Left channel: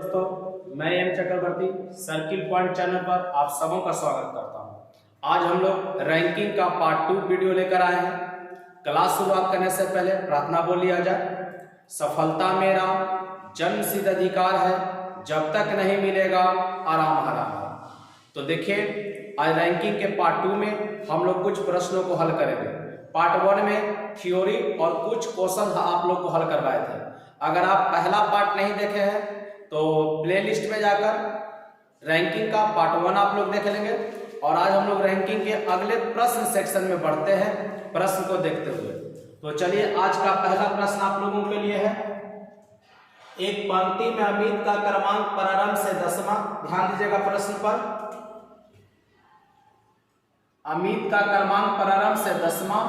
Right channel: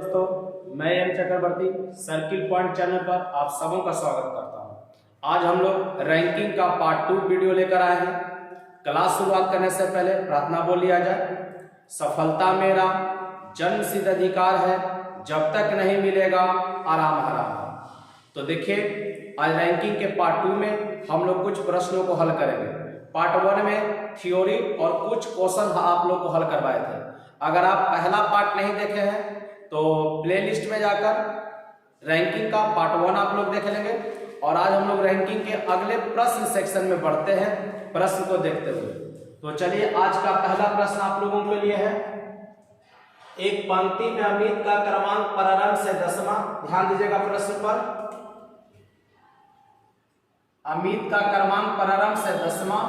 दोस्तों, मैं एम चक्रवर्ती circle point channel पर आप सबों का स्वागत करता हूं। आज हम लोग रैंकिंग का पार्ट 2 वीडियो लेकर आए हैं। क्लास शुरुआत करने से पहले प्रार्थना बोल लिया जाए। सफलता मेरा जन्मसिद्ध अधिकार है, जब तक नहीं मिलेगा आराम हराम है। तो देखिए, आज रैंकिंग के पार्ट 2 में हम लोग कुछ प्रश्नों को हल करेंगे। पार्ट 1 में थ्योरी और कुछ क्वेश्चन आप लोग को हल करवाए थे। अगर आप पहला पार्ट नहीं देखे हैं तो प्लेलिस्ट में जाकर रैंकिंग का पार्ट 1 आप लोग देख लेंगे। और आज हम लोग रैंकिंग के अगले प्रश्न सेक्शन में बढ़ते हैं, प्रश्न को देखते हुए। तो चलिए, आज का पहला प्रश्न आप लोगों के लिए है। एक पंक्ति में अमित का क्रमांक प्रारंभ से 10वां, ध्यान दीजिएगा प्रश्न पर। अमित का क्रमांक प्रारंभ से 10वां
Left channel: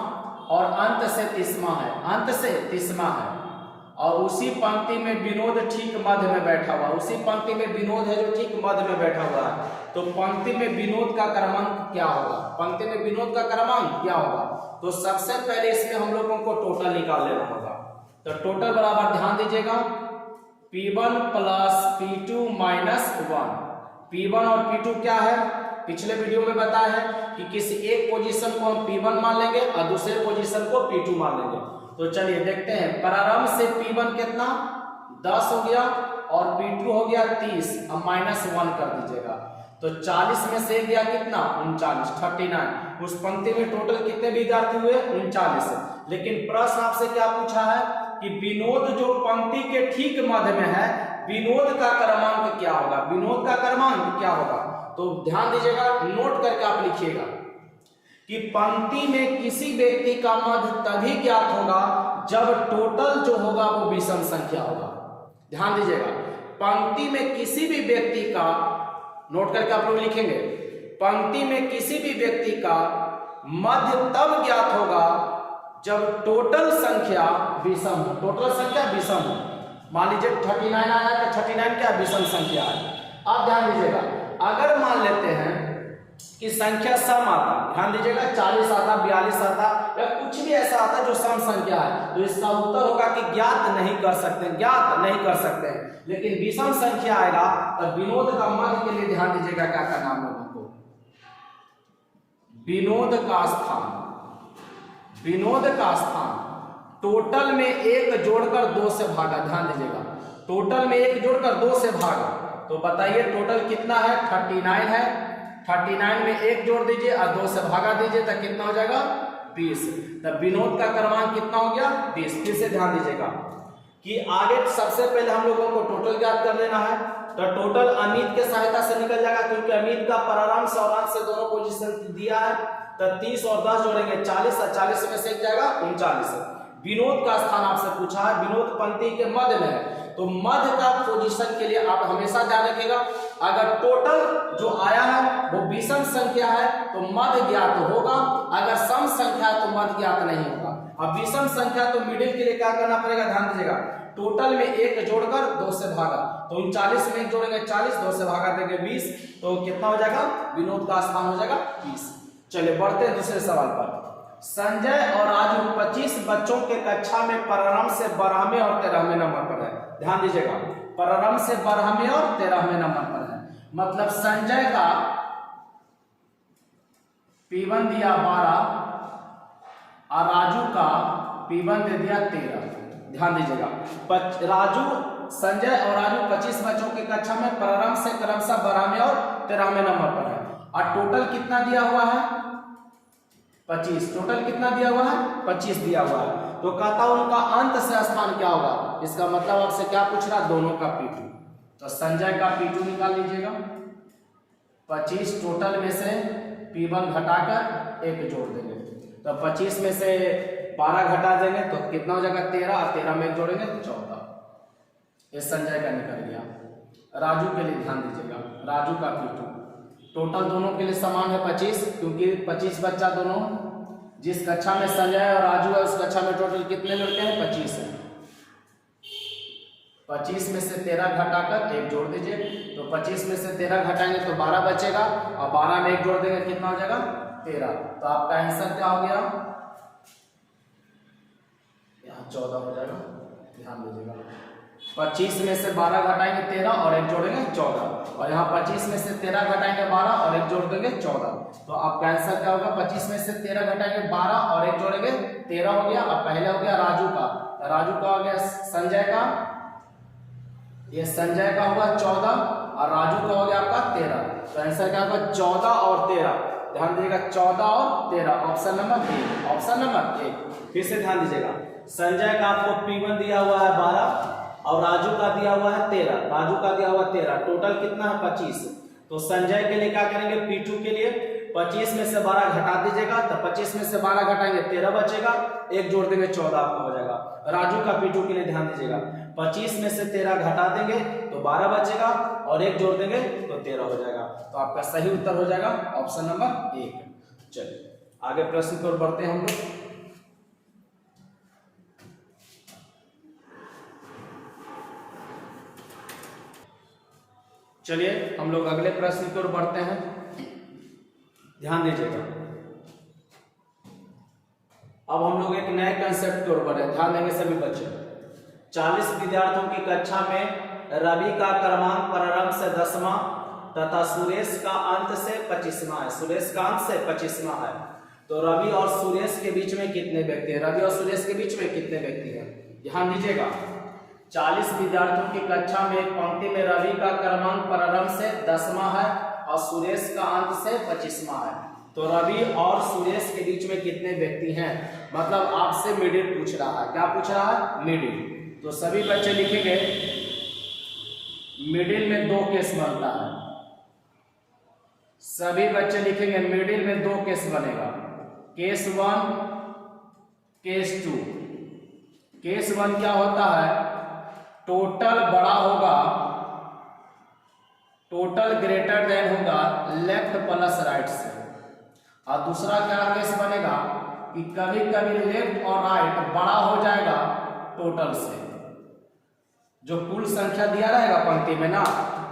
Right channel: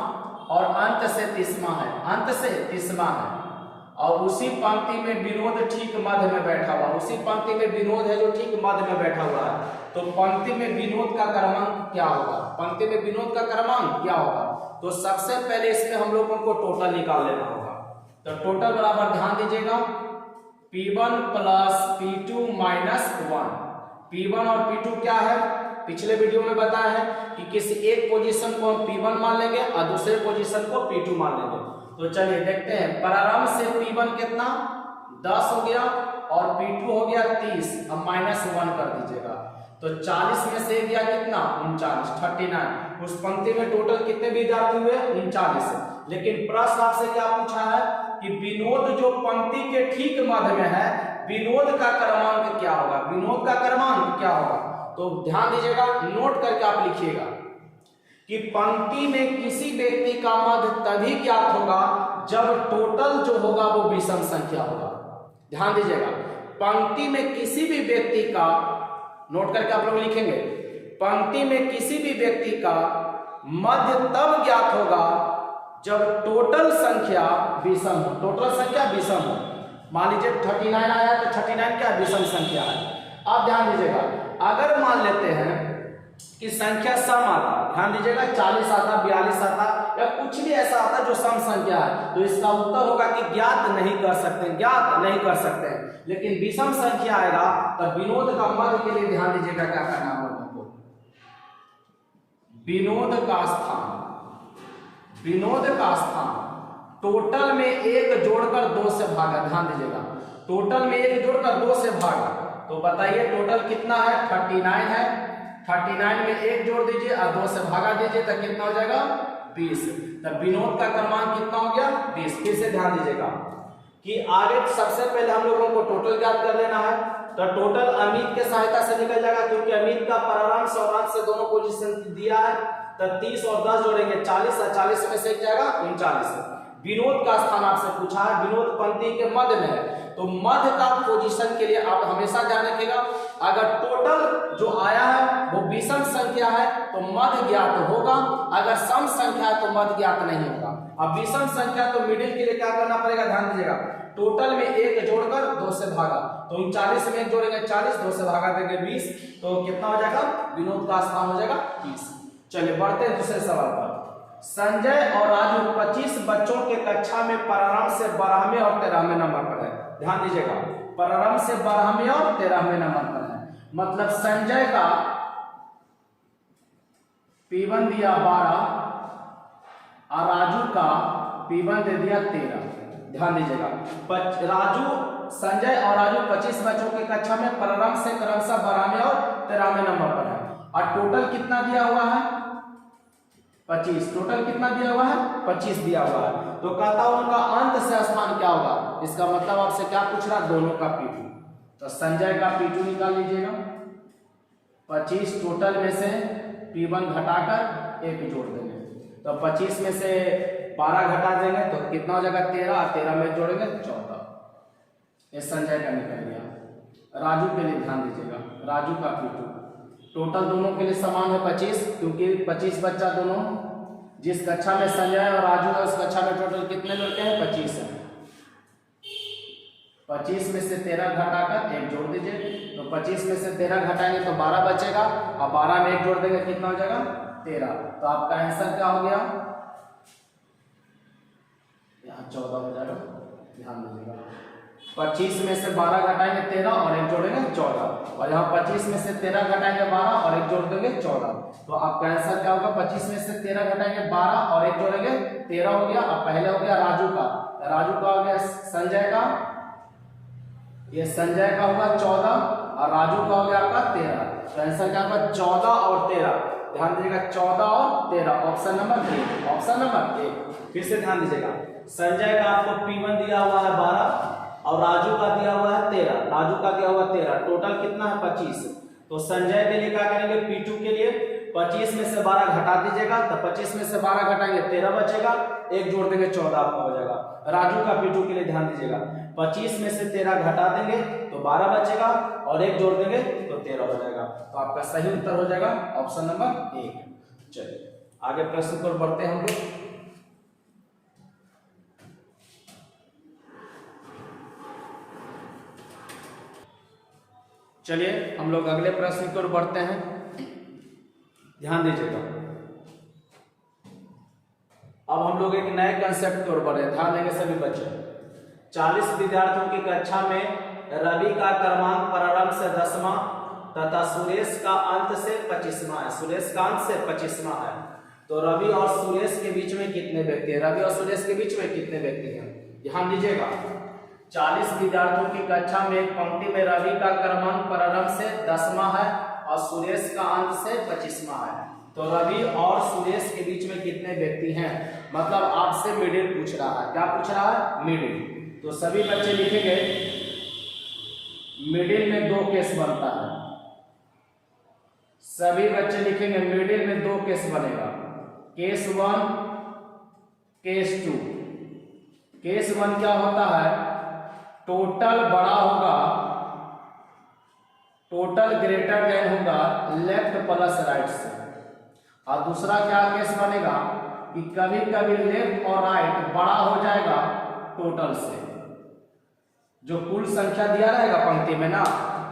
और अंत से 30वां है, अंत से 30वां है। और उसी पंक्ति में विनोद ठीक मध्य में बैठा हुआ, उसी पंक्ति में विनोद है जो ठीक मध्य में बैठा हुआ है। तो पंक्ति में विनोद का क्रमांक क्या होगा? पंक्ति में विनोद का क्रमांक क्या होगा? तो सबसे पहले इसमें हम लोगों को टोटल निकाल लेना होगा। तो टोटल बराबर, ध्यान दीजिएगा, P1 plus P2 minus 1। P1 और P2 क्या है? पिछले वीडियो में बताया है कि किसी एक पोजीशन को हम P1 मान लेंगे और दूसरे पोजीशन को P2 मान लेंगे। तो चलिए देखते हैं। प्रारंभ से P1 कितना 10 हो गया और P2 हो गया 30। अब माइनस 1 कर दीजिएगा। तो 40 में से गया कितना 39, 39। उस पंक्ति में टोटल कितने विद्यार्थी हुए? 39। लेकिन प्रश्न आपसे क्या पूछा है कि विनोद जो पंक्ति के ठीक मध्य में है, विनोद का क्रमांक क्या होगा? विनोद का क्रमांक क्या होगा? तो ध्यान दीजिएगा, नोट करके आप लिखिएगा कि पंक्ति में किसी व्यक्ति का मध्य तभी ज्ञात होगा जब टोटल जो होगा वो विषम संख्या होगा। ध्यान दीजिएगा, पंक्ति में किसी भी व्यक्ति का, नोट करके आप लोग लिखेंगे, पंक्ति में किसी भी व्यक्ति का मध्य तब ज्ञात होगा जब टोटल संख्या विषम हो। टोटल संख्या विषम हो। मान लीजिए 39 आया तो 39 क्या विषम संख्या है। आप ध्यान दीजिएगा, अगर मान लेते हैं कि संख्या सम आता, ध्यान दीजिएगा 40 आता, 42 आता या कुछ भी ऐसा आता जो सम संख्या है, तो इसका उत्तर होगा कि ज्ञात नहीं कर सकते, ज्ञात नहीं कर सकते हैं। लेकिन विषम संख्या आएगा तब विनोद का मध्य के लिए ध्यान दीजिएगा क्या करना है हमको, विनोद का स्थान, विनोद का स्थान टोटल में 1 जोड़कर 2 से भागा। ध्यान दीजिएगा, टोटल में 1 जोड़कर 2 से भागा। तो बताइए टोटल कितना है? 39 है। 39 में 1 जोड़ दीजिए और 2 से भागा दीजिए तो कितना हो जाएगा? 20। तब विनोद का क्रमांक कितना हो गया? 20। फिर से ध्यान दीजिएगा कि आगे सबसे पहले हम लोगों को टोटल ज्ञात कर लेना है। तो टोटल अमित के सहायता से निकल जाएगा, क्योंकि अमित का प्रारंभ और अंत से दोनों पोजीशन दिया है। तो 30 और 10 जोड़ेंगे 40 और 40 में से जाएगा 39। विनोद का स्थान आपसे पूछा है, विनोद पंक्ति के मध्य में है। तो मध्य का पोजीशन के लिए आप हमेशा ध्यान रखिएगा, अगर टोटल जो आया है वो विषम संख्या है तो मध्य ज्ञात होगा, अगर सम संख्या है तो मध्य ज्ञात नहीं होगा। अब विषम संख्या तो मिडिल के लिए क्या करना पड़ेगा? ध्यान दीजिएगा, टोटल में 1 जोड़कर 2 से भागा। तो 39 में 1 जोड़ेंगे 40, 2 से भागा देंगे 20। तो कितना हो जाएगा? विनोद का स्थान हो जाएगा 20। चलिए बढ़ते हैं दूसरे सवाल पर। संजय और राजू 25 बच्चों के कक्षा में प्रारंभ से 12वें और 13वें नंबर पर है। ध्यान दीजिएगा, प्रारंभ से 12वें और 13वें नंबर पर है। मतलब संजय का P1 दिया 12 और राजू का P1 दे दिया 13। ध्यान दीजिएगा, राजू, संजय और राजू 25 बच्चों के कक्षा में प्रारंभ से क्रमशः 12वें और 13वें नंबर पर है। और टोटल कितना दिया हुआ है? 25। टोटल कितना दिया हुआ है? 25 दिया हुआ है। तो कहता हूं उनका अंत से स्थान क्या होगा? इसका मतलब आपसे क्या पूछ रहा? दोनों का P2। तो संजय का P2 निकाल लीजिएगा। 25 टोटल में से P1 घटाकर 1 जोड़ देंगे। तो 25 में से 12 घटा देंगे तो कितना हो जाएगा? 13। 13 में जोड़ेंगे 14। ये संजय का निकल गया। राजू के लिए ध्यान दीजिएगा, राजू का P2 टोटल दोनों के लिए समान है 25, क्योंकि 25 बच्चा दोनों, जिस कक्षा में संजय और राजू है उस कक्षा में टोटल कितने लड़के हैं? 25 है। 25 में से 13 घटाकर 1 जोड़ दीजिए। तो 25 में से 13 घटाएंगे तो 12 बचेगा और 12 में 1 जोड़ देंगे कितना हो जाएगा? 13। तो आपका आंसर क्या हो गया? यहाँ 14 हो जाएगा। ध्यान दीजिएगा, 25 में से 12 घटाएंगे 13 और 1 14, और यहाँ 25 में से 13 घटाएंगे 12 और एक जोड़ देंगे 14। तो आपका आंसर क्या होगा, 25 में से 13 घटाएंगे 12 और एक जोड़ेंगे 13 हो गया। अब पहले हो गया राजू का, राजू का हो गया संजय का, ये संजय का होगा 14 और राजू का हो गया आपका 13। तो आंसर क्या होगा 14 और 13, ध्यान दीजिएगा 14 और 13, option number A, option number A. फिर से ध्यान दीजिएगा, संजय का आपको P1 दिया हुआ है 12 और राजू का दिया हुआ है 13, राजू का दिया हुआ 13, टोटल कितना है 25। तो संजय के लिए क्या करेंगे, P2 के लिए 25 में से 12 घटा दीजिएगा, तो 25 में से 12 घटाएंगे 13 बचेगा, एक जोड़ देंगे 14 आपका हो जाएगा। राजू का P2 के लिए ध्यान दीजिएगा, 25 में से 13 घटा देंगे तो 12 बचेगा और एक जोड़ देंगे तो 13 हो जाएगा। तो आपका सही उत्तर हो जाएगा ऑप्शन नंबर 1। चलिए आगे प्रश्न पर बढ़ते हैं हम लोग। चलिए हम लोग अगले प्रश्न की ओर बढ़ते हैं, ध्यान दीजिएगा। अब हम लोग एक नए कंसेप्ट की ओर बढ़ रहे हैं, ध्यान देंगे सभी बच्चे। 40 विद्यार्थियों की कक्षा में रवि का क्रमांक प्रारंभ से 10वां तथा सुरेश का अंत से 25वां है, सुरेश का अंत से 25वां है। तो रवि और सुरेश के बीच में कितने व्यक्ति हैं, रवि और सुरेश के बीच में कितने व्यक्ति हैं, ध्यान दीजिएगा। 40 विद्यार्थियों की कक्षा में एक पंक्ति में रवि का क्रमांक प्रारंभ से 10वां है और सुरेश का अंत से 25वां है। तो रवि और सुरेश के बीच में कितने व्यक्ति हैं, मतलब आपसे मिडिल पूछ रहा है। क्या पूछ रहा है, मिडिल। तो सभी बच्चे लिखेंगे मिडिल में 2 केस बनता है, सभी बच्चे लिखेंगे मिडिल में 2 केस बनेगा, केस 1 केस 2। केस 1 क्या होता है, टोटल बड़ा होगा, टोटल ग्रेटर देन होगा लेफ्ट प्लस राइट से। और दूसरा क्या केस बनेगा कि कभी कभी लेफ्ट और राइट बड़ा हो जाएगा टोटल से, जो कुल संख्या दिया रहेगा पंक्ति में ना,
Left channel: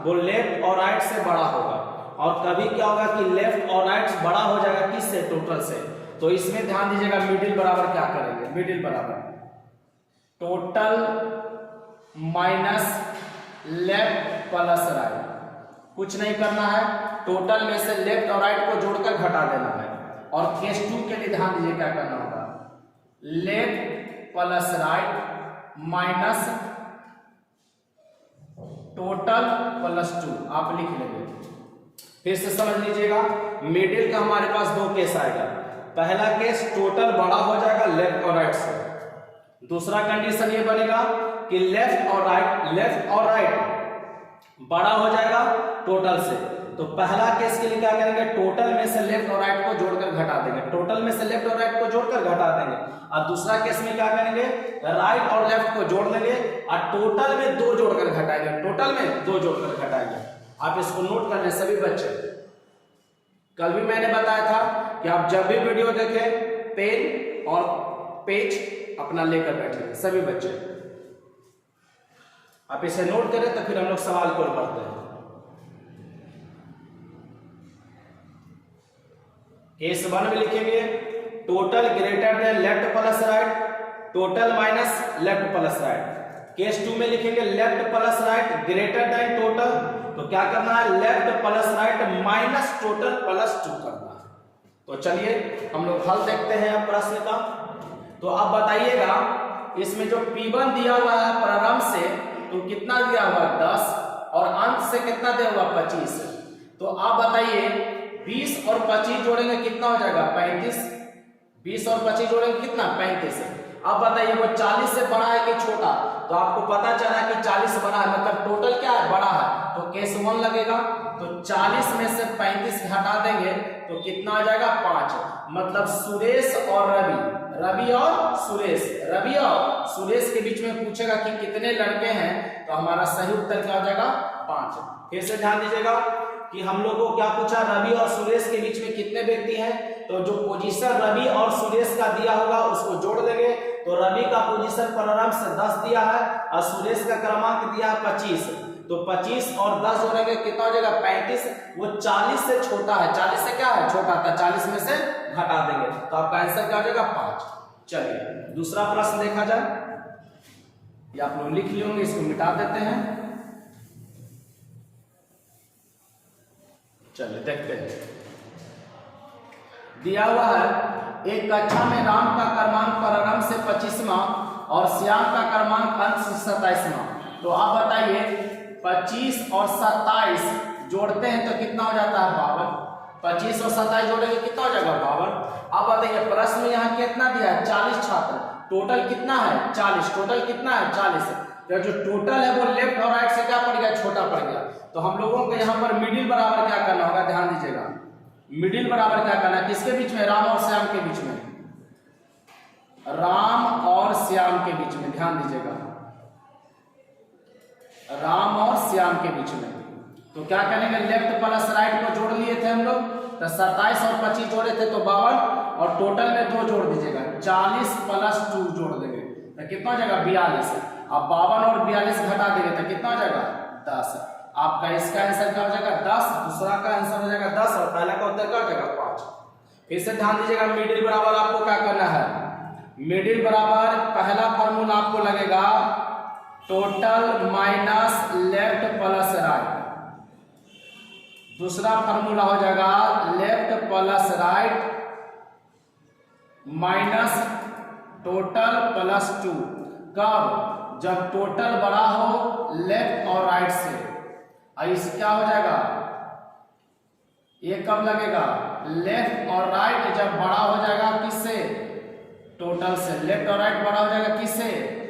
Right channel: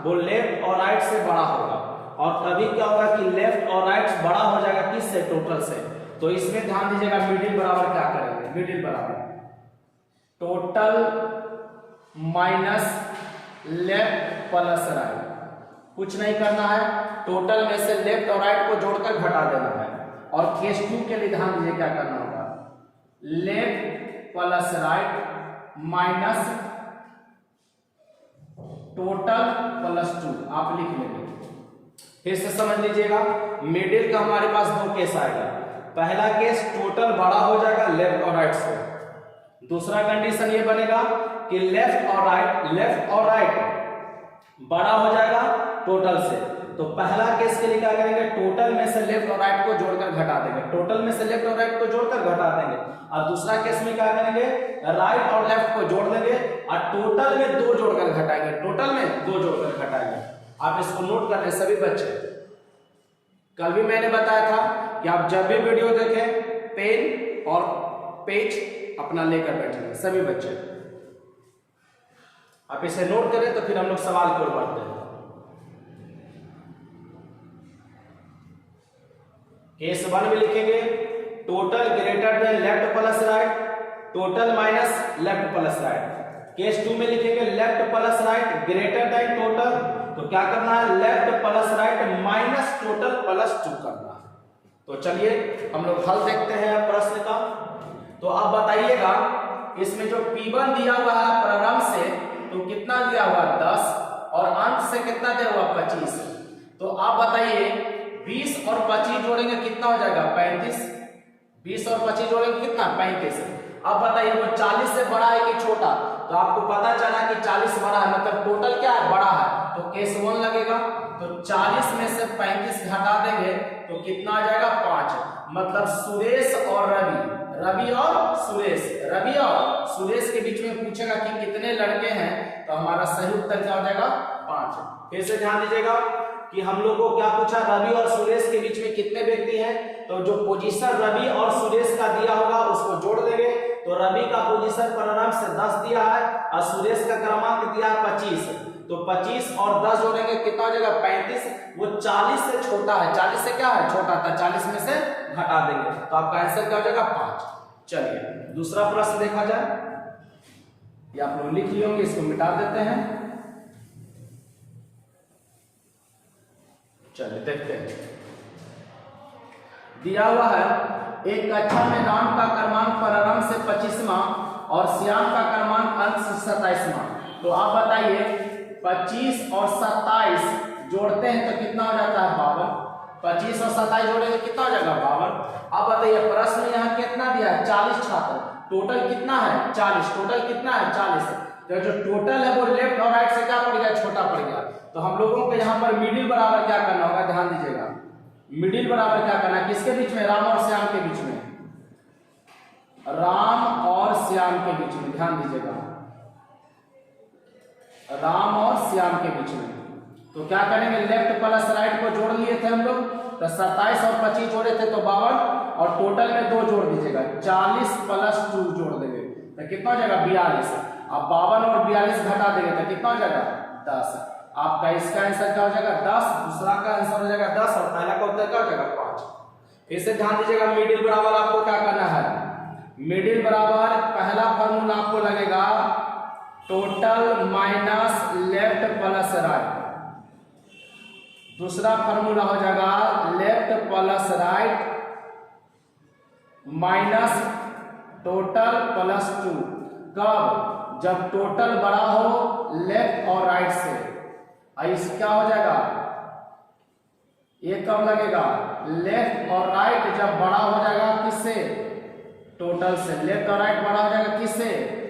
वो लेफ्ट और राइट से बड़ा होगा। और कभी क्या होगा कि लेफ्ट और राइट बड़ा हो जाएगा किससे, टोटल से। तो इसमें ध्यान दीजिएगा मिडिल बराबर क्या करेंगे, मिडिल बराबर total minus left plus right, कुछ नहीं करना है, टोटल में से लेफ्ट और राइट को जोड़कर घटा देना है। और केस 2 के लिए ध्यान दीजिए क्या करना होगा, left plus right minus total plus 2 आप लिख लेंगे। फिर से समझ लीजिएगा, मिडिल का हमारे पास 2 केस आएगा। पहला केस टोटल बड़ा हो जाएगा लेफ्ट और राइट से, दूसरा कंडीशन ये बनेगा कि लेफ्ट और राइट बड़ा हो जाएगा टोटल से। तो पहला केस के लिए क्या करेंगे, टोटल में से लेफ्ट और राइट को जोड़कर घटा देंगे, टोटल में से लेफ्ट और राइट को जोड़कर घटा देंगे। और दूसरा केस में क्या करेंगे, राइट और लेफ्ट को जोड़ देंगे और टोटल में 2 जोड़कर घटाएंगे, टोटल में 2 जोड़कर घटाएंगे। आप इसको नोट कर लें सभी बच्चे। कल भी मैंने बताया था कि आप जब भी वीडियो देखें पेन और पेज अपना लेकर बैठे सभी बच्चे। आप इसे नोट करें तो फिर हम लोग सवाल की ओर बढ़ते हैं। केस 1 में लिखेंगे total greater than left plus right, total minus left plus right. Case 2 में लिखेंगे left plus right greater than total, तो क्या करना है, left plus right minus total plus 2 करना है। तो चलिए हम लोग हल देखते हैं प्रश्न का। तो आप बताइएगा इसमें जो P1 दिया हुआ है प्रारंभ से, तो कितना दिया हुआ 10 और अंत से कितना दिया हुआ 25। तो आप बताइए 20 और 25 जोड़ेंगे कितना हो जाएगा 35, 20 और 25 जोड़ेंगे कितना 35। अब बताइए वो 40 से बड़ा है कि छोटा, तो आपको पता चला कि 40 बड़ा है, मतलब टोटल क्या है, बड़ा है। तो केस 1 लगेगा, तो 40 में से 35 घटा देंगे तो कितना आ जाएगा 5। मतलब सुरेश और रवि और सुरेश के बीच में पूछेगा कि कितने लड़के हैं, तो हमारा सही उत्तर क्या हो जाएगा 5। फिर से ध्यान दीजिएगा कि हम लोग को क्या पूछा, रवि और सुरेश के बीच में कितने व्यक्ति हैं। तो जो पोजीशन रवि और सुरेश का दिया होगा उसको जोड़ देंगे। तो रवि का पोजीशन प्रारंभ से 10 दिया है और सुरेश का क्रमांक दिया है 25। तो 25 और 10 जोड़ेंगे कितना हो जाएगा 35। वो 40 से छोटा है, 40 से क्या है छोटा था, 40 में से घटा देंगे तो आपका आंसर क्या हो जाएगा 5। चलिए दूसरा प्रश्न देखा जाए, ये आप लोग लिख लेंगे, इसको मिटा देते हैं। चलिए देखते हैं। दिया हुआ है एक कक्षा में राम का क्रमांक प्रारंभ से 25वां और श्याम का क्रमांक अंत से 27वां। तो आप बताइए 25 और 27 जोड़ते हैं तो कितना हो जाता है 52। 25 और 27 जोड़ेंगे कितना हो जाएगा 52। अब बताइए प्रश्न में यहाँ कितना दिया है 40 छात्र, टोटल कितना है 40, टोटल कितना है 40। तो जो टोटल है वो लेफ्ट और राइट से क्या पड़ गया, छोटा पड़ गया। तो हम लोगों को यहाँ पर मिडिल बराबर क्या करना होगा, ध्यान दीजिएगा। मिडिल बराबर क्या करना है, किसके बीच में, राम और श्याम के बीच में, राम और श्याम के बीच में, ध्यान दीजिएगा, राम और श्याम के बीच में। तो क्या करेंगे, लेफ्ट प्लस राइट को जोड़ लिए थे हम लोग, तो 27 और 25 जोड़े थे तो 52, और टोटल में 2 जोड़ दीजिएगा, 40 प्लस 2 जोड़ देंगे तो कितना हो जाएगा 42। अब 52 और 42 घटा देंगे तो कितना हो जाएगा 10। आपका इसका आंसर क्या हो जाएगा 10, दूसरा का आंसर हो जाएगा 10 और पहला का उत्तर क्या हो जाएगा 5। फिर से ध्यान दीजिएगा, मिडिल बराबर आपको क्या करना है, मिडिल बराबर पहला फॉर्मूला आपको लगेगा total minus left plus right, दूसरा फॉर्मूला हो जाएगा left plus right minus total plus 2। कब, जब टोटल बड़ा हो लेफ्ट और राइट से। इस क्या हो जाएगा, ये कब लगेगा, लेफ्ट और राइट जब बड़ा हो जाएगा किससे, टोटल से। लेफ्ट और राइट बड़ा हो जाएगा किससे,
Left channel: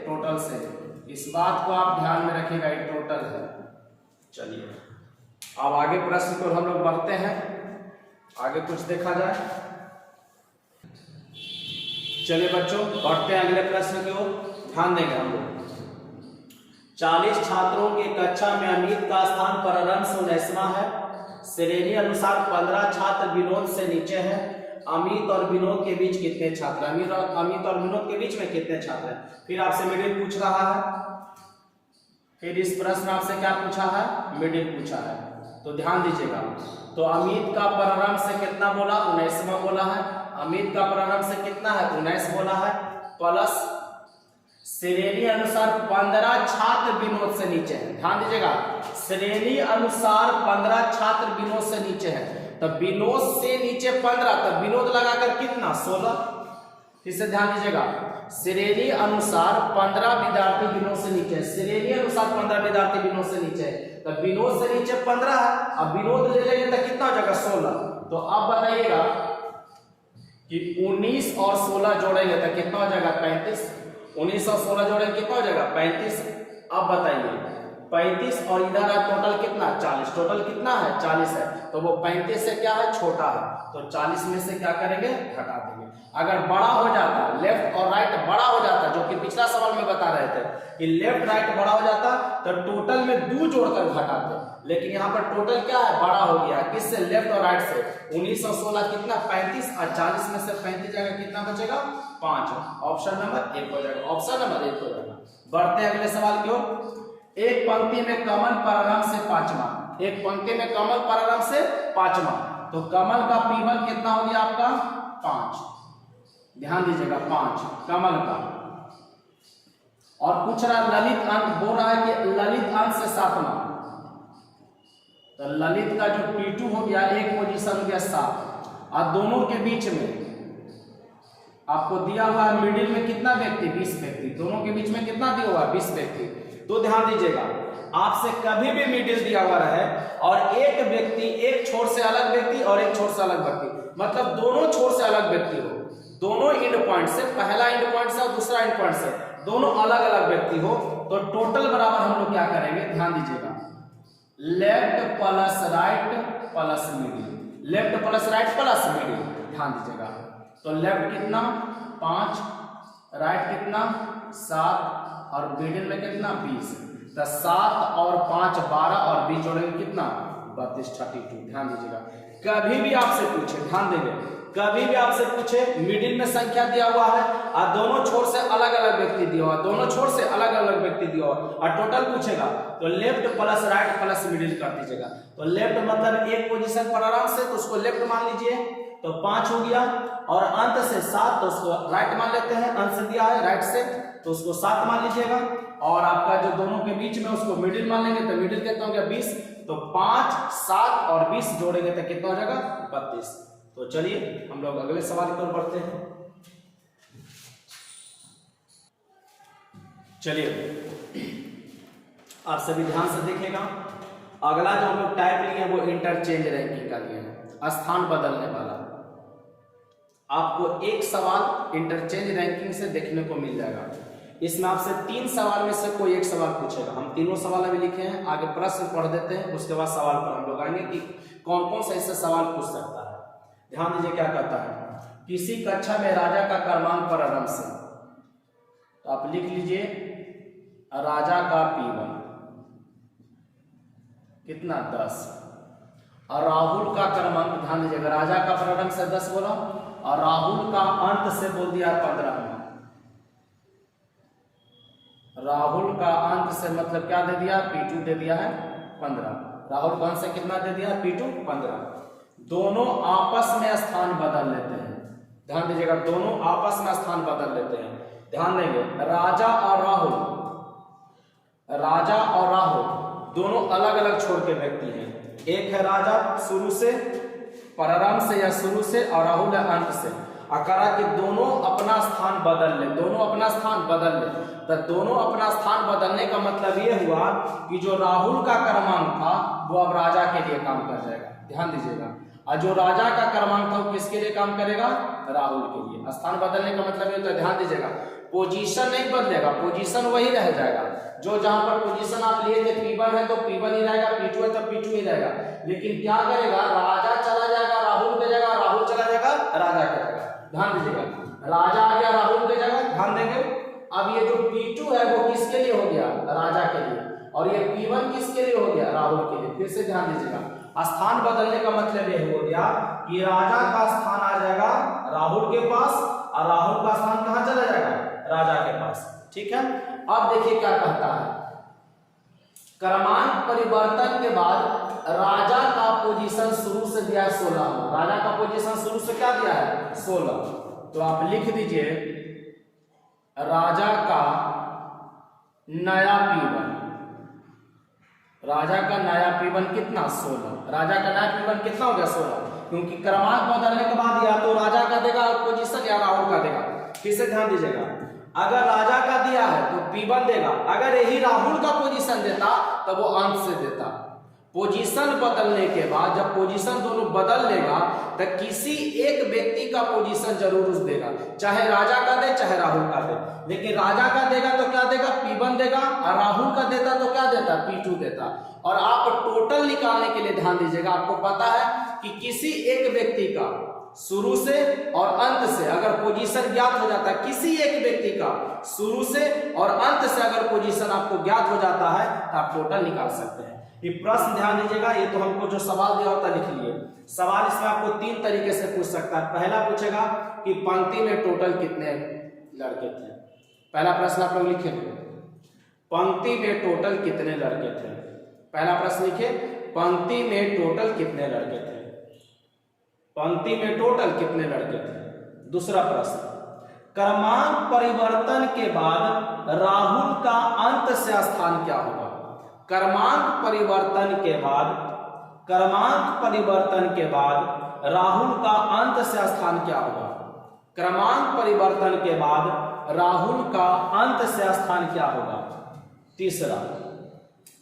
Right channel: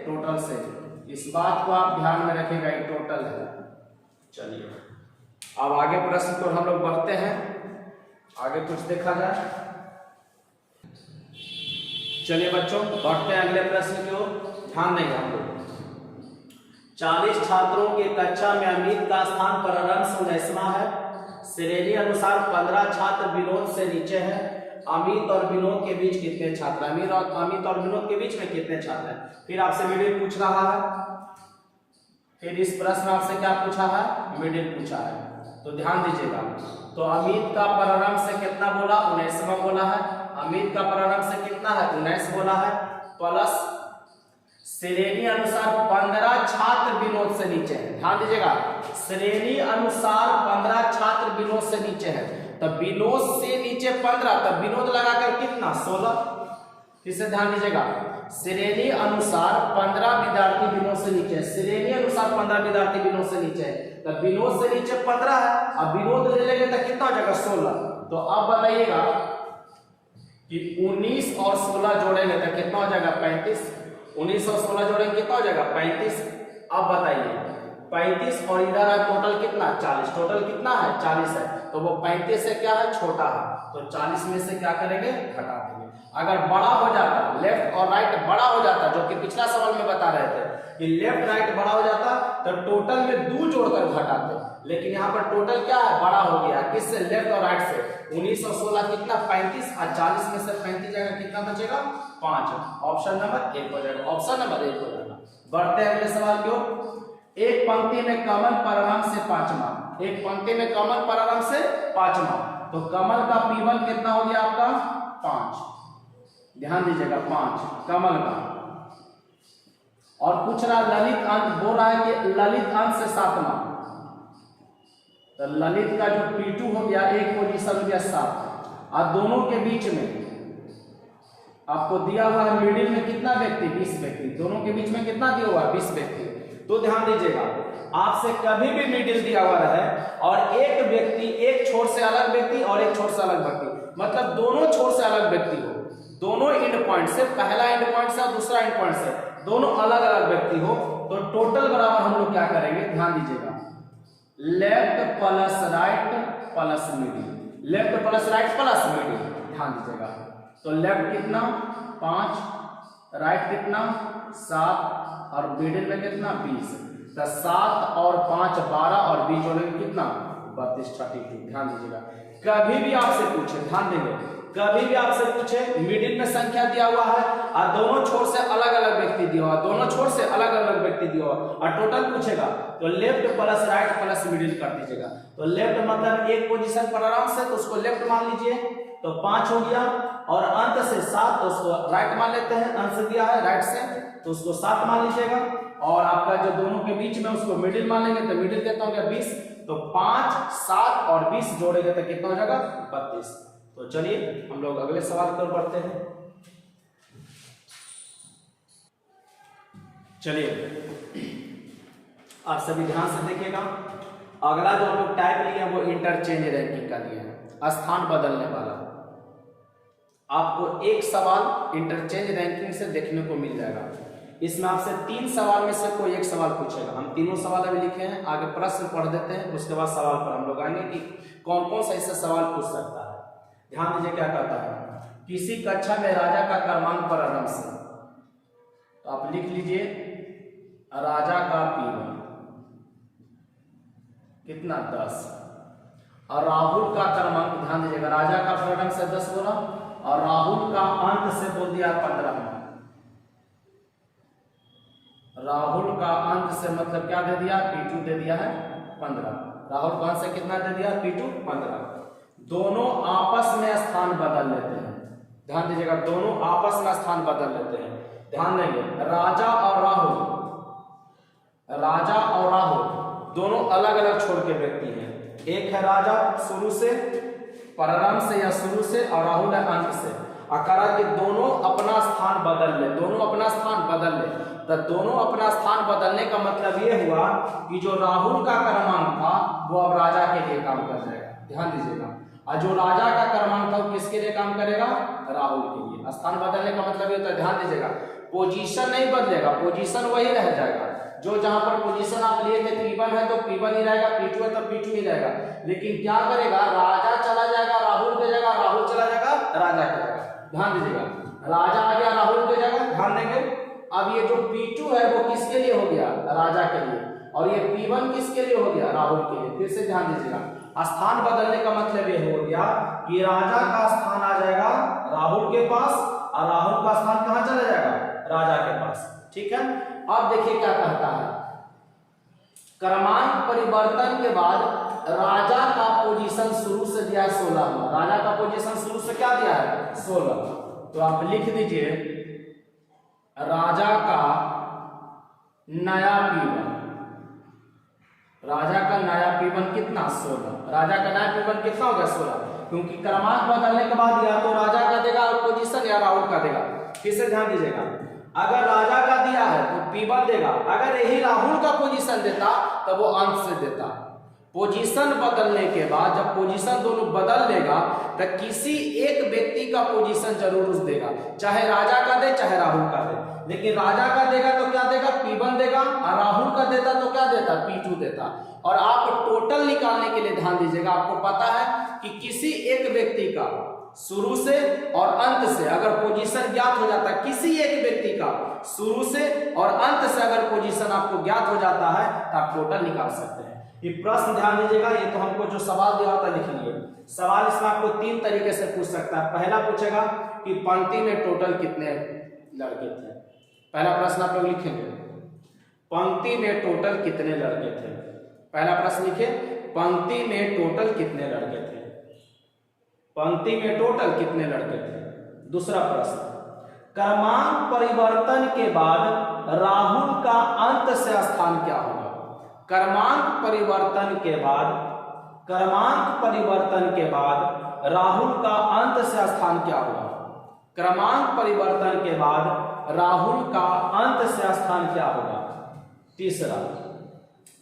टोटल से। इस बात को आप ध्यान में रखिएगा, ये टोटल है। चलिए अब आगे प्रश्न को हम लोग बढ़ते हैं, आगे कुछ देखा जाए। चलिए बच्चों बढ़ते हैं अगले प्रश्न की ओर, ध्यान देंगे हम लोग। 40 छात्रों के कक्षा में अमित का स्थान प्रारंभ से 19वां है। श्रेणी अनुसार 15 छात्र विनोद से नीचे हैं। अमित और विनोद के बीच कितने छात्र, अमित और विनोद के बीच में कितने छात्र हैं। फिर आपसे मिडिल पूछ रहा है, फिर इस प्रश्न आपसे क्या पूछा है, मिडिल पूछा है। तो ध्यान दीजिएगा, तो अमित का प्रारंभ से कितना बोला, 19वां बोला है। अमित का प्रारंभ से कितना है 19 बोला है, प्लस श्रेणी अनुसार 15 छात्र विनोद से नीचे हैं। ध्यान दीजिएगा, श्रेणी अनुसार 15 छात्र विनोद से नीचे हैं, तो विनोद से नीचे 15, तो विनोद लगाकर कितना 16। फिर से ध्यान दीजिएगा, श्रेणी अनुसार 15 विद्यार्थी विनोद से नीचे है। श्रेणी अनुसार 15 विद्यार्थी विनोद से नीचे है, तो विनोद से नीचे 15 है, अब विनोद ले लेंगे तो कितना हो जाएगा 16। तो अब बताइएगा कि 19 और 16 जोड़ेंगे तो कितना हो जाएगा 35। 19 और 16 जोड़ेंगे कितना हो जाएगा 35। अब बताइए 35 और इधर है टोटल कितना 40, टोटल कितना है 40 है, तो वो 35 से क्या है छोटा है, तो 40 में से क्या करेंगे घटा देंगे। अगर बड़ा हो जाता, लेफ्ट और राइट बड़ा हो जाता, जो कि पिछला सवाल में बता रहे थे कि लेफ्ट राइट बड़ा हो जाता तो टोटल में 2 जोड़कर घटाते, लेकिन यहाँ पर टोटल क्या है बड़ा हो गया, किससे, लेफ्ट और राइट से। 19 और 16 कितना 35, और 40 में से 35 जाएगा कितना बचेगा 5। ऑप्शन नंबर 1 हो जाएगा, ऑप्शन नंबर 1 हो जाएगा। बढ़ते हैं अगले सवाल की ओर। एक पंक्ति में कमल प्रारंभ से 5वां, एक पंक्ति में कमल प्रारंभ से 5वां, तो कमल का पीवल कितना हो गया आपका 5। ध्यान दीजिएगा 5 कमल का। और पूछ रहा ललित अंक, बोल रहा है कि ललित अंक से 7वां, तो ललित का जो P2 हो गया एक पोजीशन हो गया 7, और दोनों के बीच में आपको दिया हुआ है मिडिल में कितना व्यक्ति 20 व्यक्ति, दोनों के बीच में कितना दिया हुआ है 20 व्यक्ति। तो ध्यान दीजिएगा, आपसे कभी भी मिडिल दिया हुआ रहे और एक व्यक्ति एक छोर से अलग व्यक्ति और एक छोर से अलग व्यक्ति, मतलब दोनों छोर से अलग व्यक्ति हो, दोनों एंड पॉइंट से, पहला एंड पॉइंट से और दूसरा एंड पॉइंट से दोनों अलग अलग व्यक्ति हो, तो टोटल बराबर हम लोग क्या करेंगे, ध्यान दीजिएगा, left plus right plus middle, left plus right plus middle. ध्यान दीजिएगा, तो लेफ्ट कितना 5, राइट कितना 7, और मिडिल में कितना 20, तो 7 और 5 12, और 20 जोड़ेंगे कितना 32 32। ध्यान दीजिएगा, कभी भी आपसे पूछे, ध्यान देंगे, कभी भी आपसे पूछे मिडिल में संख्या दिया हुआ है और दोनों छोर से अलग अलग व्यक्ति दिया हुआ, दोनों छोर से अलग अलग व्यक्ति दिया हुआ और टोटल पूछेगा, तो left plus right plus middle कर दीजिएगा। तो लेफ्ट मतलब एक पोजीशन पर आराम से, तो उसको लेफ्ट मान लीजिए, तो 5 हो गया, और अंत से 7, तो उसको राइट मान लेते हैं, अंत से दिया है राइट से, तो उसको 7 मान लीजिएगा। और आपका जो दोनों के बीच में उसको मिडिल मान लेंगे तो मिडिल कितना हो गया 20, तो 5, 7 और 20 जोड़ेंगे तो कितना हो जाएगा 32। तो चलिए हम लोग अगले सवाल की ओर बढ़ते हैं। चलिए आप सभी ध्यान से देखिएगा, अगला जो हम लोग टाइप लिए हैं वो इंटरचेंज रैंकिंग का लिए हैं, स्थान बदलने वाला। आपको एक सवाल इंटरचेंज रैंकिंग से देखने को मिल जाएगा। इसमें आपसे 3 सवाल में से कोई एक सवाल पूछेगा। हम तीनों सवाल अभी लिखे हैं, आगे प्रश्न पढ़ देते हैं, उसके बाद सवाल पर हम लोग आएंगे कि कौन कौन सा इससे सवाल पूछ सकता है। ध्यान दीजिए क्या कहता है, किसी कक्षा में राजा का क्रमांक प्रारंभ से, तो आप लिख लीजिए राजा का P1 कितना 10, और राहुल का क्रमांक, ध्यान दीजिएगा राजा का प्रारंभ से 10 बोला और राहुल का अंत से बोल दिया 15। राहुल का अंत से मतलब क्या दे दिया, P2 दे दिया है 15। राहुल का अंत से कितना दे दिया, P2 15। दोनों आपस में स्थान बदल लेते हैं। ध्यान दीजिएगा, दोनों आपस में स्थान बदल लेते हैं। ध्यान देंगे, राजा और राहुल दोनों अलग अलग छोर के व्यक्ति हैं। एक है राजा शुरू से, प्रारंभ से या शुरू से, और राहुल है अंत से। अकारा के दोनों अपना स्थान बदल ले, दोनों अपना स्थान बदल ले। तो दोनों अपना स्थान बदलने का मतलब ये हुआ कि जो राहुल का क्रमांक था वो अब राजा के लिए काम कर जाएगा। ध्यान दीजिएगा, और जो राजा का क्रमांक था वो किसके लिए काम करेगा, राहुल के लिए। स्थान बदलने का मतलब ये, तो ध्यान दीजिएगा पोजीशन नहीं बदलेगा, पोजीशन वही रह जाएगा। जो जहां पर पोजीशन आप लिए थे P1 है तो P1 ही रहेगा, P2 है तो P2 ही रहेगा। लेकिन क्या करेगा, राजा चला जाएगा राहुल पे जाएगा, राहुल चला जाएगा राजा पे जाएगा। ध्यान दीजिएगा, राजा आ गया राहुल पे जाएगा। ध्यान देंगे, अब ये जो P2 है वो किसके लिए हो गया, राजा के लिए, और ये P1 किसके लिए हो गया, राहुल के लिए। फिर से ध्यान दीजिएगा, स्थान बदलने का मतलब ये हो गया कि राजा का स्थान आ जाएगा राहुल के पास और राहुल का स्थान कहां चला जाएगा, राजा के पास। ठीक है, अब देखिए क्या कहता है, क्रमांक परिवर्तन के बाद राजा का पोजीशन शुरू से दिया है 16। राजा का पोजीशन शुरू से क्या दिया है, 16। तो आप लिख दीजिए राजा का नया P1, राजा का नया P1 कितना 16। राजा का नया P1 कितना हो गया 16, क्योंकि क्रमांक बदलने के बाद या तो राजा का देगा पोजीशन या राहुल का देगा। फिर से ध्यान दीजिएगा, अगर राजा का दिया है तो P1 देगा, अगर यही राहुल का पोजीशन देता तो वो अंत से देता। पोजीशन बदलने के बाद जब पोजीशन दोनों बदल लेगा तो किसी एक व्यक्ति का पोजीशन जरूर उस देगा, चाहे राजा का दे चाहे राहुल का दे। लेकिन राजा का देगा तो क्या देगा, P1 देगा, और राहुल का देता तो क्या देता, P2 देता। और आप टोटल निकालने के लिए ध्यान दीजिएगा, आपको पता है कि किसी एक व्यक्ति का शुरू से और अंत से अगर पोजीशन ज्ञात हो जाता है, किसी एक व्यक्ति का शुरू से और अंत से अगर पोजीशन आपको ज्ञात हो जाता है तो आप टोटल निकाल सकते हैं। ये प्रश्न ध्यान दीजिएगा, ये तो हमको जो सवाल दिया होता लिख लिए। सवाल इसमें आपको 3 तरीके से पूछ सकता है। पहला पूछेगा कि पंक्ति में टोटल कितने लड़के थे। पहला प्रश्न आप लोग लिखेंगे, पंक्ति में टोटल कितने लड़के थे। पहला प्रश्न लिखे, पंक्ति में टोटल कितने लड़के थे, पंक्ति में टोटल कितने लड़के थे। दूसरा प्रश्न, क्रमांक परिवर्तन के बाद राहुल का अंत से स्थान क्या होगा। क्रमांक परिवर्तन के बाद राहुल का अंत से स्थान क्या होगा। क्रमांक परिवर्तन के बाद राहुल का अंत से स्थान क्या होगा। तीसरा,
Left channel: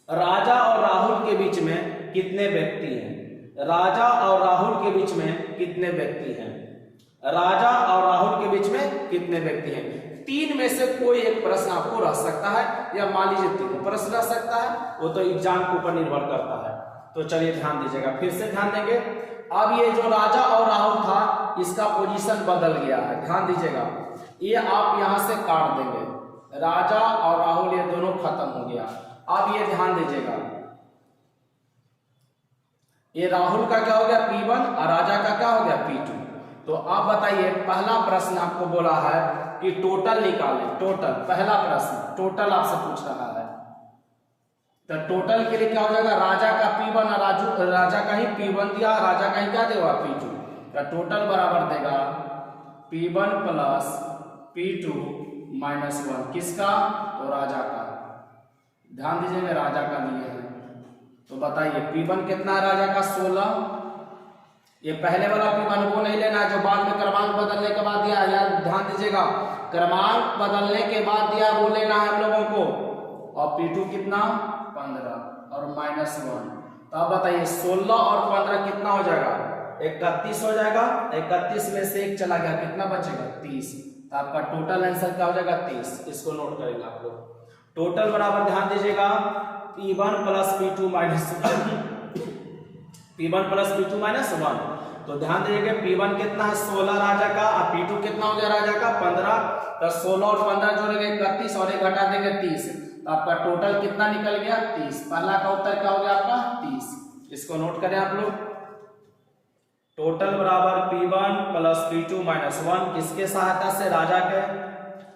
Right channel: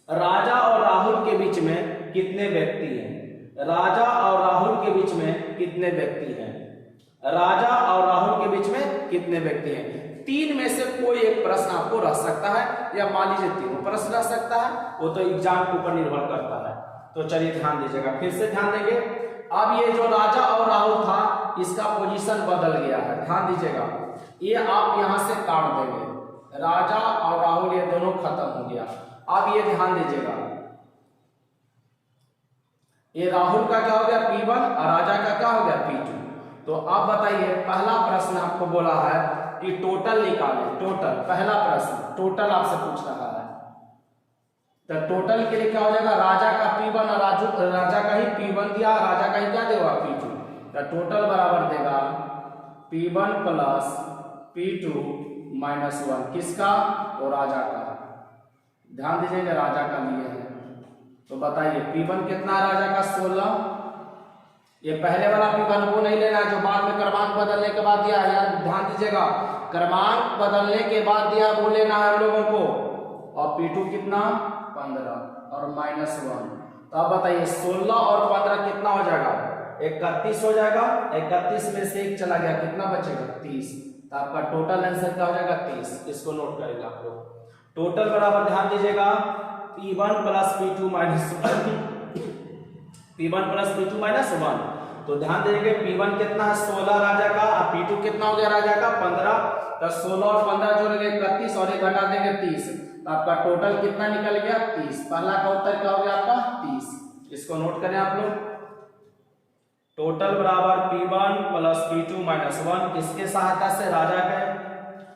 राजा और राहुल के बीच में कितने व्यक्ति हैं। राजा और राहुल के बीच में कितने व्यक्ति हैं। राजा और राहुल के बीच में कितने व्यक्ति हैं। 3 में से कोई एक प्रश्न आपको रह सकता है, या मान लीजिए 3 प्रश्न रह सकता है, वो तो एग्जाम के ऊपर निर्भर करता है। तो चलिए ध्यान दीजिएगा, फिर से ध्यान देंगे। अब ये जो राजा और राहुल था इसका पोजीशन बदल गया है। ध्यान दीजिएगा, ये आप यहां से काट देंगे, राजा और राहुल ये दोनों खत्म हो गया। अब ये ध्यान दीजिएगा, ये राहुल का क्या हो गया P1 और राजा का क्या हो गया P2। तो आप बताइए, पहला प्रश्न आपको बोला है कि टोटल निकालें। टोटल, पहला प्रश्न टोटल आपसे पूछ रहा है, तो टोटल के लिए क्या हो जाएगा, राजा का P1 और राजा का ही P1 दिया, राजा का ही क्या देगा P2। तो टोटल बराबर देगा P1 प्लस P2 माइनस 1, किसका, तो राजा का। ध्यान दीजिएगा राजा का लिए है। तो बताइए P1 कितना है राजा का 16। ये पहले वाला P1 वो नहीं लेना है जो बाद में क्रमांक बदलने के बाद दिया है, यार ध्यान दीजिएगा क्रमांक बदलने के बाद दिया वो लेना है हम लोगों को। और P2 कितना 15 और -1। तो अब बताइए 16 और 15 कितना हो जाएगा 31 हो जाएगा। 31 में से 1 चला गया कितना बचेगा 30। तो आपका टोटल आंसर क्या हो जाएगा 30। इसको नोट करेंगे आप लोग। टोटल बराबर ध्यान दीजिएगा P1 plus P2 minus P1 plus P2 minus 1। तो ध्यान दीजिएगा P1 कितना है 16 राजा का और P2 कितना हो गया राजा का 15। तो 16 और 15 जोड़ेंगे 31 और 1 घटा देंगे 30। तो आपका टोटल कितना निकल गया 30। पहला का उत्तर क्या हो गया आपका 30। इसको नोट करें आप लोग। टोटल बराबर P1 प्लस P2 माइनस 1 किसके सहायता से राजा के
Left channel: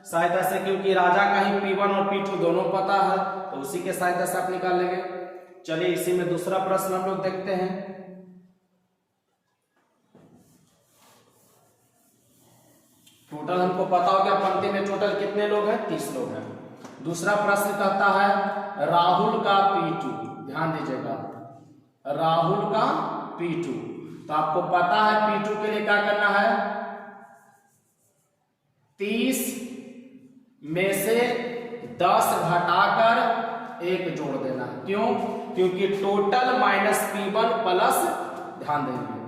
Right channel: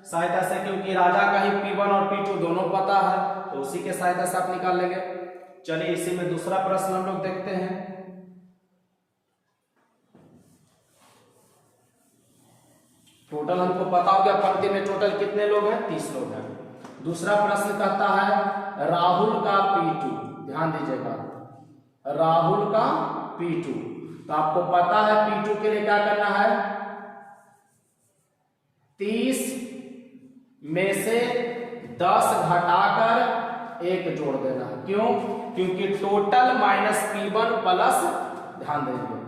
सहायता से, क्योंकि राजा का ही P1 और P2 दोनों पता है तो उसी के सहायता से आप निकाल लेंगे। चलिए इसी में दूसरा प्रश्न हम लोग देखते हैं। टोटल हमको पता हो गया पंक्ति में टोटल कितने लोग हैं 30 लोग हैं। दूसरा प्रश्न कहता है राहुल का P2। ध्यान दीजिएगा राहुल का P2। तो आपको पता है P2 के लिए क्या करना है 30 में से 10 घटाकर 1 जोड़ देना है। क्यों? क्योंकि टोटल माइनस P1 प्लस, ध्यान देंगे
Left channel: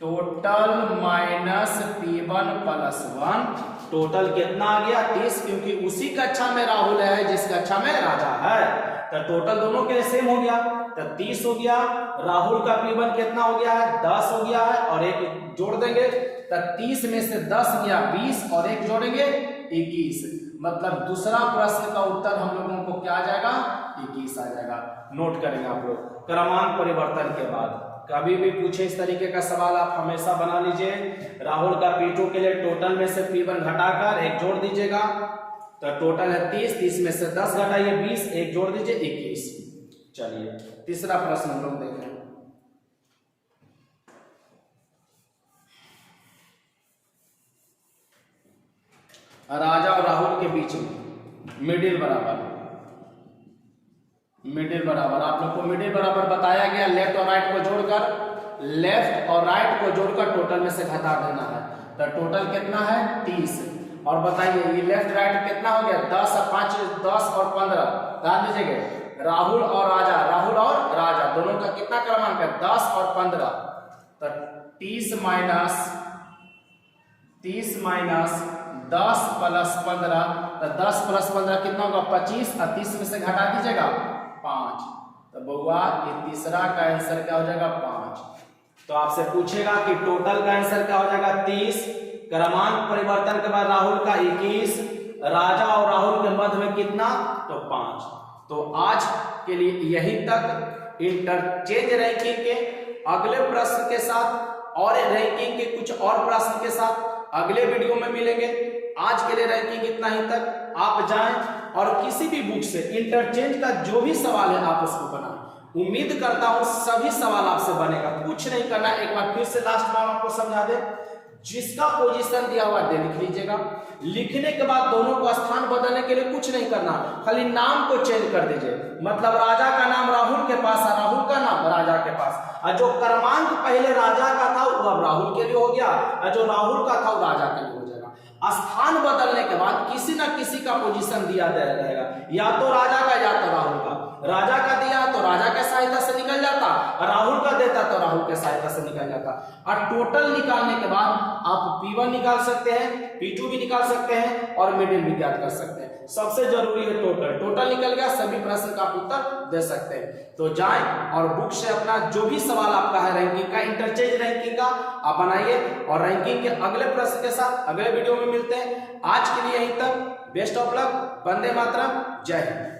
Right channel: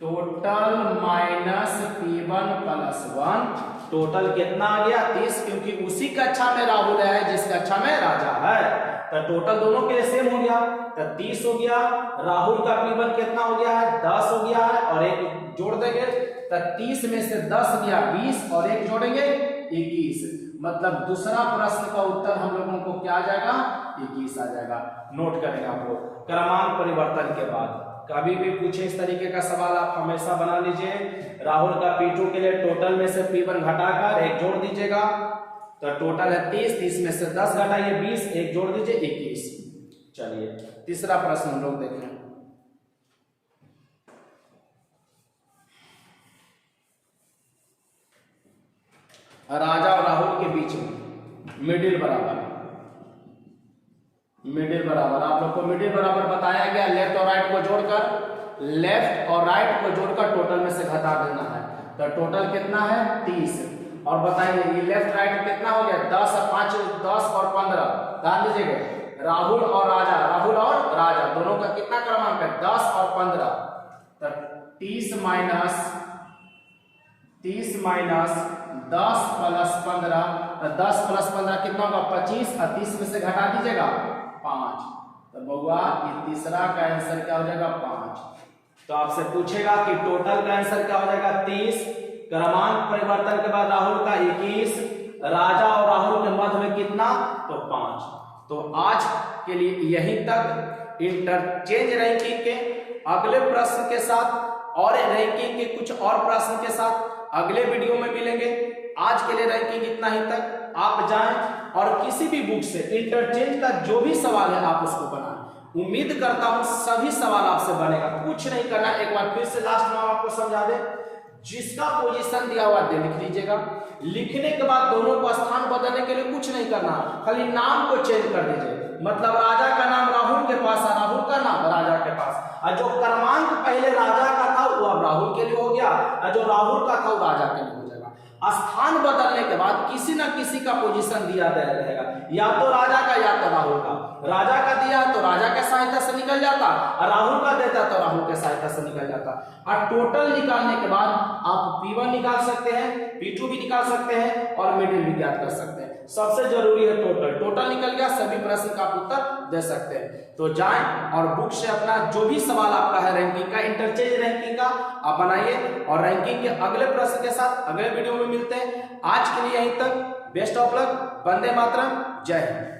total minus P1 plus 1 total कितना आ गया 30, क्योंकि उसी कक्षा में राहुल है जिस कक्षा में राजा है। तो टोटल दोनों के लिए सेम हो गया तो 30 हो गया। राहुल का P1 कितना हो गया है 10 हो गया है और 1 जोड़ देंगे तो 30 में से 10 गया 20 और 1 जोड़ेंगे 21। मतलब दूसरा प्रश्न का उत्तर हम लोगों को क्या आ जाएगा 21 आ जाएगा। नोट करेंगे आप लोग क्रमांक परिवर्तन के बाद कभी भी पूछे इस तरीके का सवाल आप हमेशा बना लीजिए। राहुल का P2 के लिए टोटल में से P1 घटाकर 1 जोड़ दीजिएगा तो टोटल है 30। 30 में से 10 घटाइए 20, 1 जोड़ दीजिए 21। चलिए तीसरा प्रश्न हम लोग देखें। राजा और राहुल के बीच में मिडिल बराबर आप लोग को मिडिल बराबर बताया गया। लेफ्ट और राइट को जोड़कर टोटल में से घटा देना है। तो टोटल कितना है 30। और बताइए ये लेफ्ट राइट कितना हो गया 10 और 5 10 और 15। ध्यान दीजिएगा राहुल और राजा दोनों का कितना क्रमांक है 10 और 15। तो 30 माइनस 10 प्लस 15 तो 10 प्लस 15 कितना होगा 25 और 30 में से घटा दीजिएगा 5। तो बउआ ये तीसरा का आंसर क्या हो जाएगा 5। तो आपसे पूछेगा कि टोटल का आंसर क्या हो जाएगा 30। क्रमांक परिवर्तन के बाद राहुल का 21, राजा और राहुल के मध्य में कितना तो 5। तो आज के लिए यहीं तक। इंटरचेंज रैंकिंग के अगले प्रश्न के साथ और रैंकिंग के कुछ और प्रश्न के साथ अगले वीडियो में मिलेंगे। आज के लिए रैंकिंग इतना ही तक। आप जाएं और किसी भी बुक से इंटरचेंज का जो भी सवाल है आप उसको बनाएं। उम्मीद करता हूं सभी सवाल आपसे बनेगा। कुछ नहीं करना, एक बार फिर से लास्ट में हम आपको समझा दें। जिसका पोजीशन दिया हुआ है लिख लीजिएगा। लिखने के बाद दोनों को स्थान बदलने के लिए कुछ नहीं करना, खाली नाम को चेंज कर दीजिए। मतलब राजा का नाम राहुल के पास है, राहुल का नाम राजा के पास, और जो क्रमांक पहले राजा का था वो अब राहुल के लिए हो गया, और जो राहुल का था वो राजा के लिए हो जाएगा। स्थान बदलने के बाद किसी ना किसी का पोजीशन दिया रहेगा, या तो राजा का या तो राहुल का। राजा का दिया तो राजा के सहायता से निकल जाता, और राहुल का देता तो राहुल के सहायता से निकल जाता। और टोटल निकालने के बाद आप P1 निकाल सकते हैं, P2 भी निकाल सकते हैं और मिडिल भी ज्ञात कर सकते हैं। सबसे जरूरी है टोटल निकल गया, सभी प्रश्न का उत्तर दे सकते हैं। तो जाएं और बुक से अपना जो भी सवाल आपका है रैंकिंग का, इंटरचेंज रैंकिंग का आप बनाइए, और रैंकिंग के अगले प्रश्न के साथ अगले वीडियो में मिलते हैं। आज के लिए यहीं तक। Best of luck. वंदे मातरम। जय हिंद।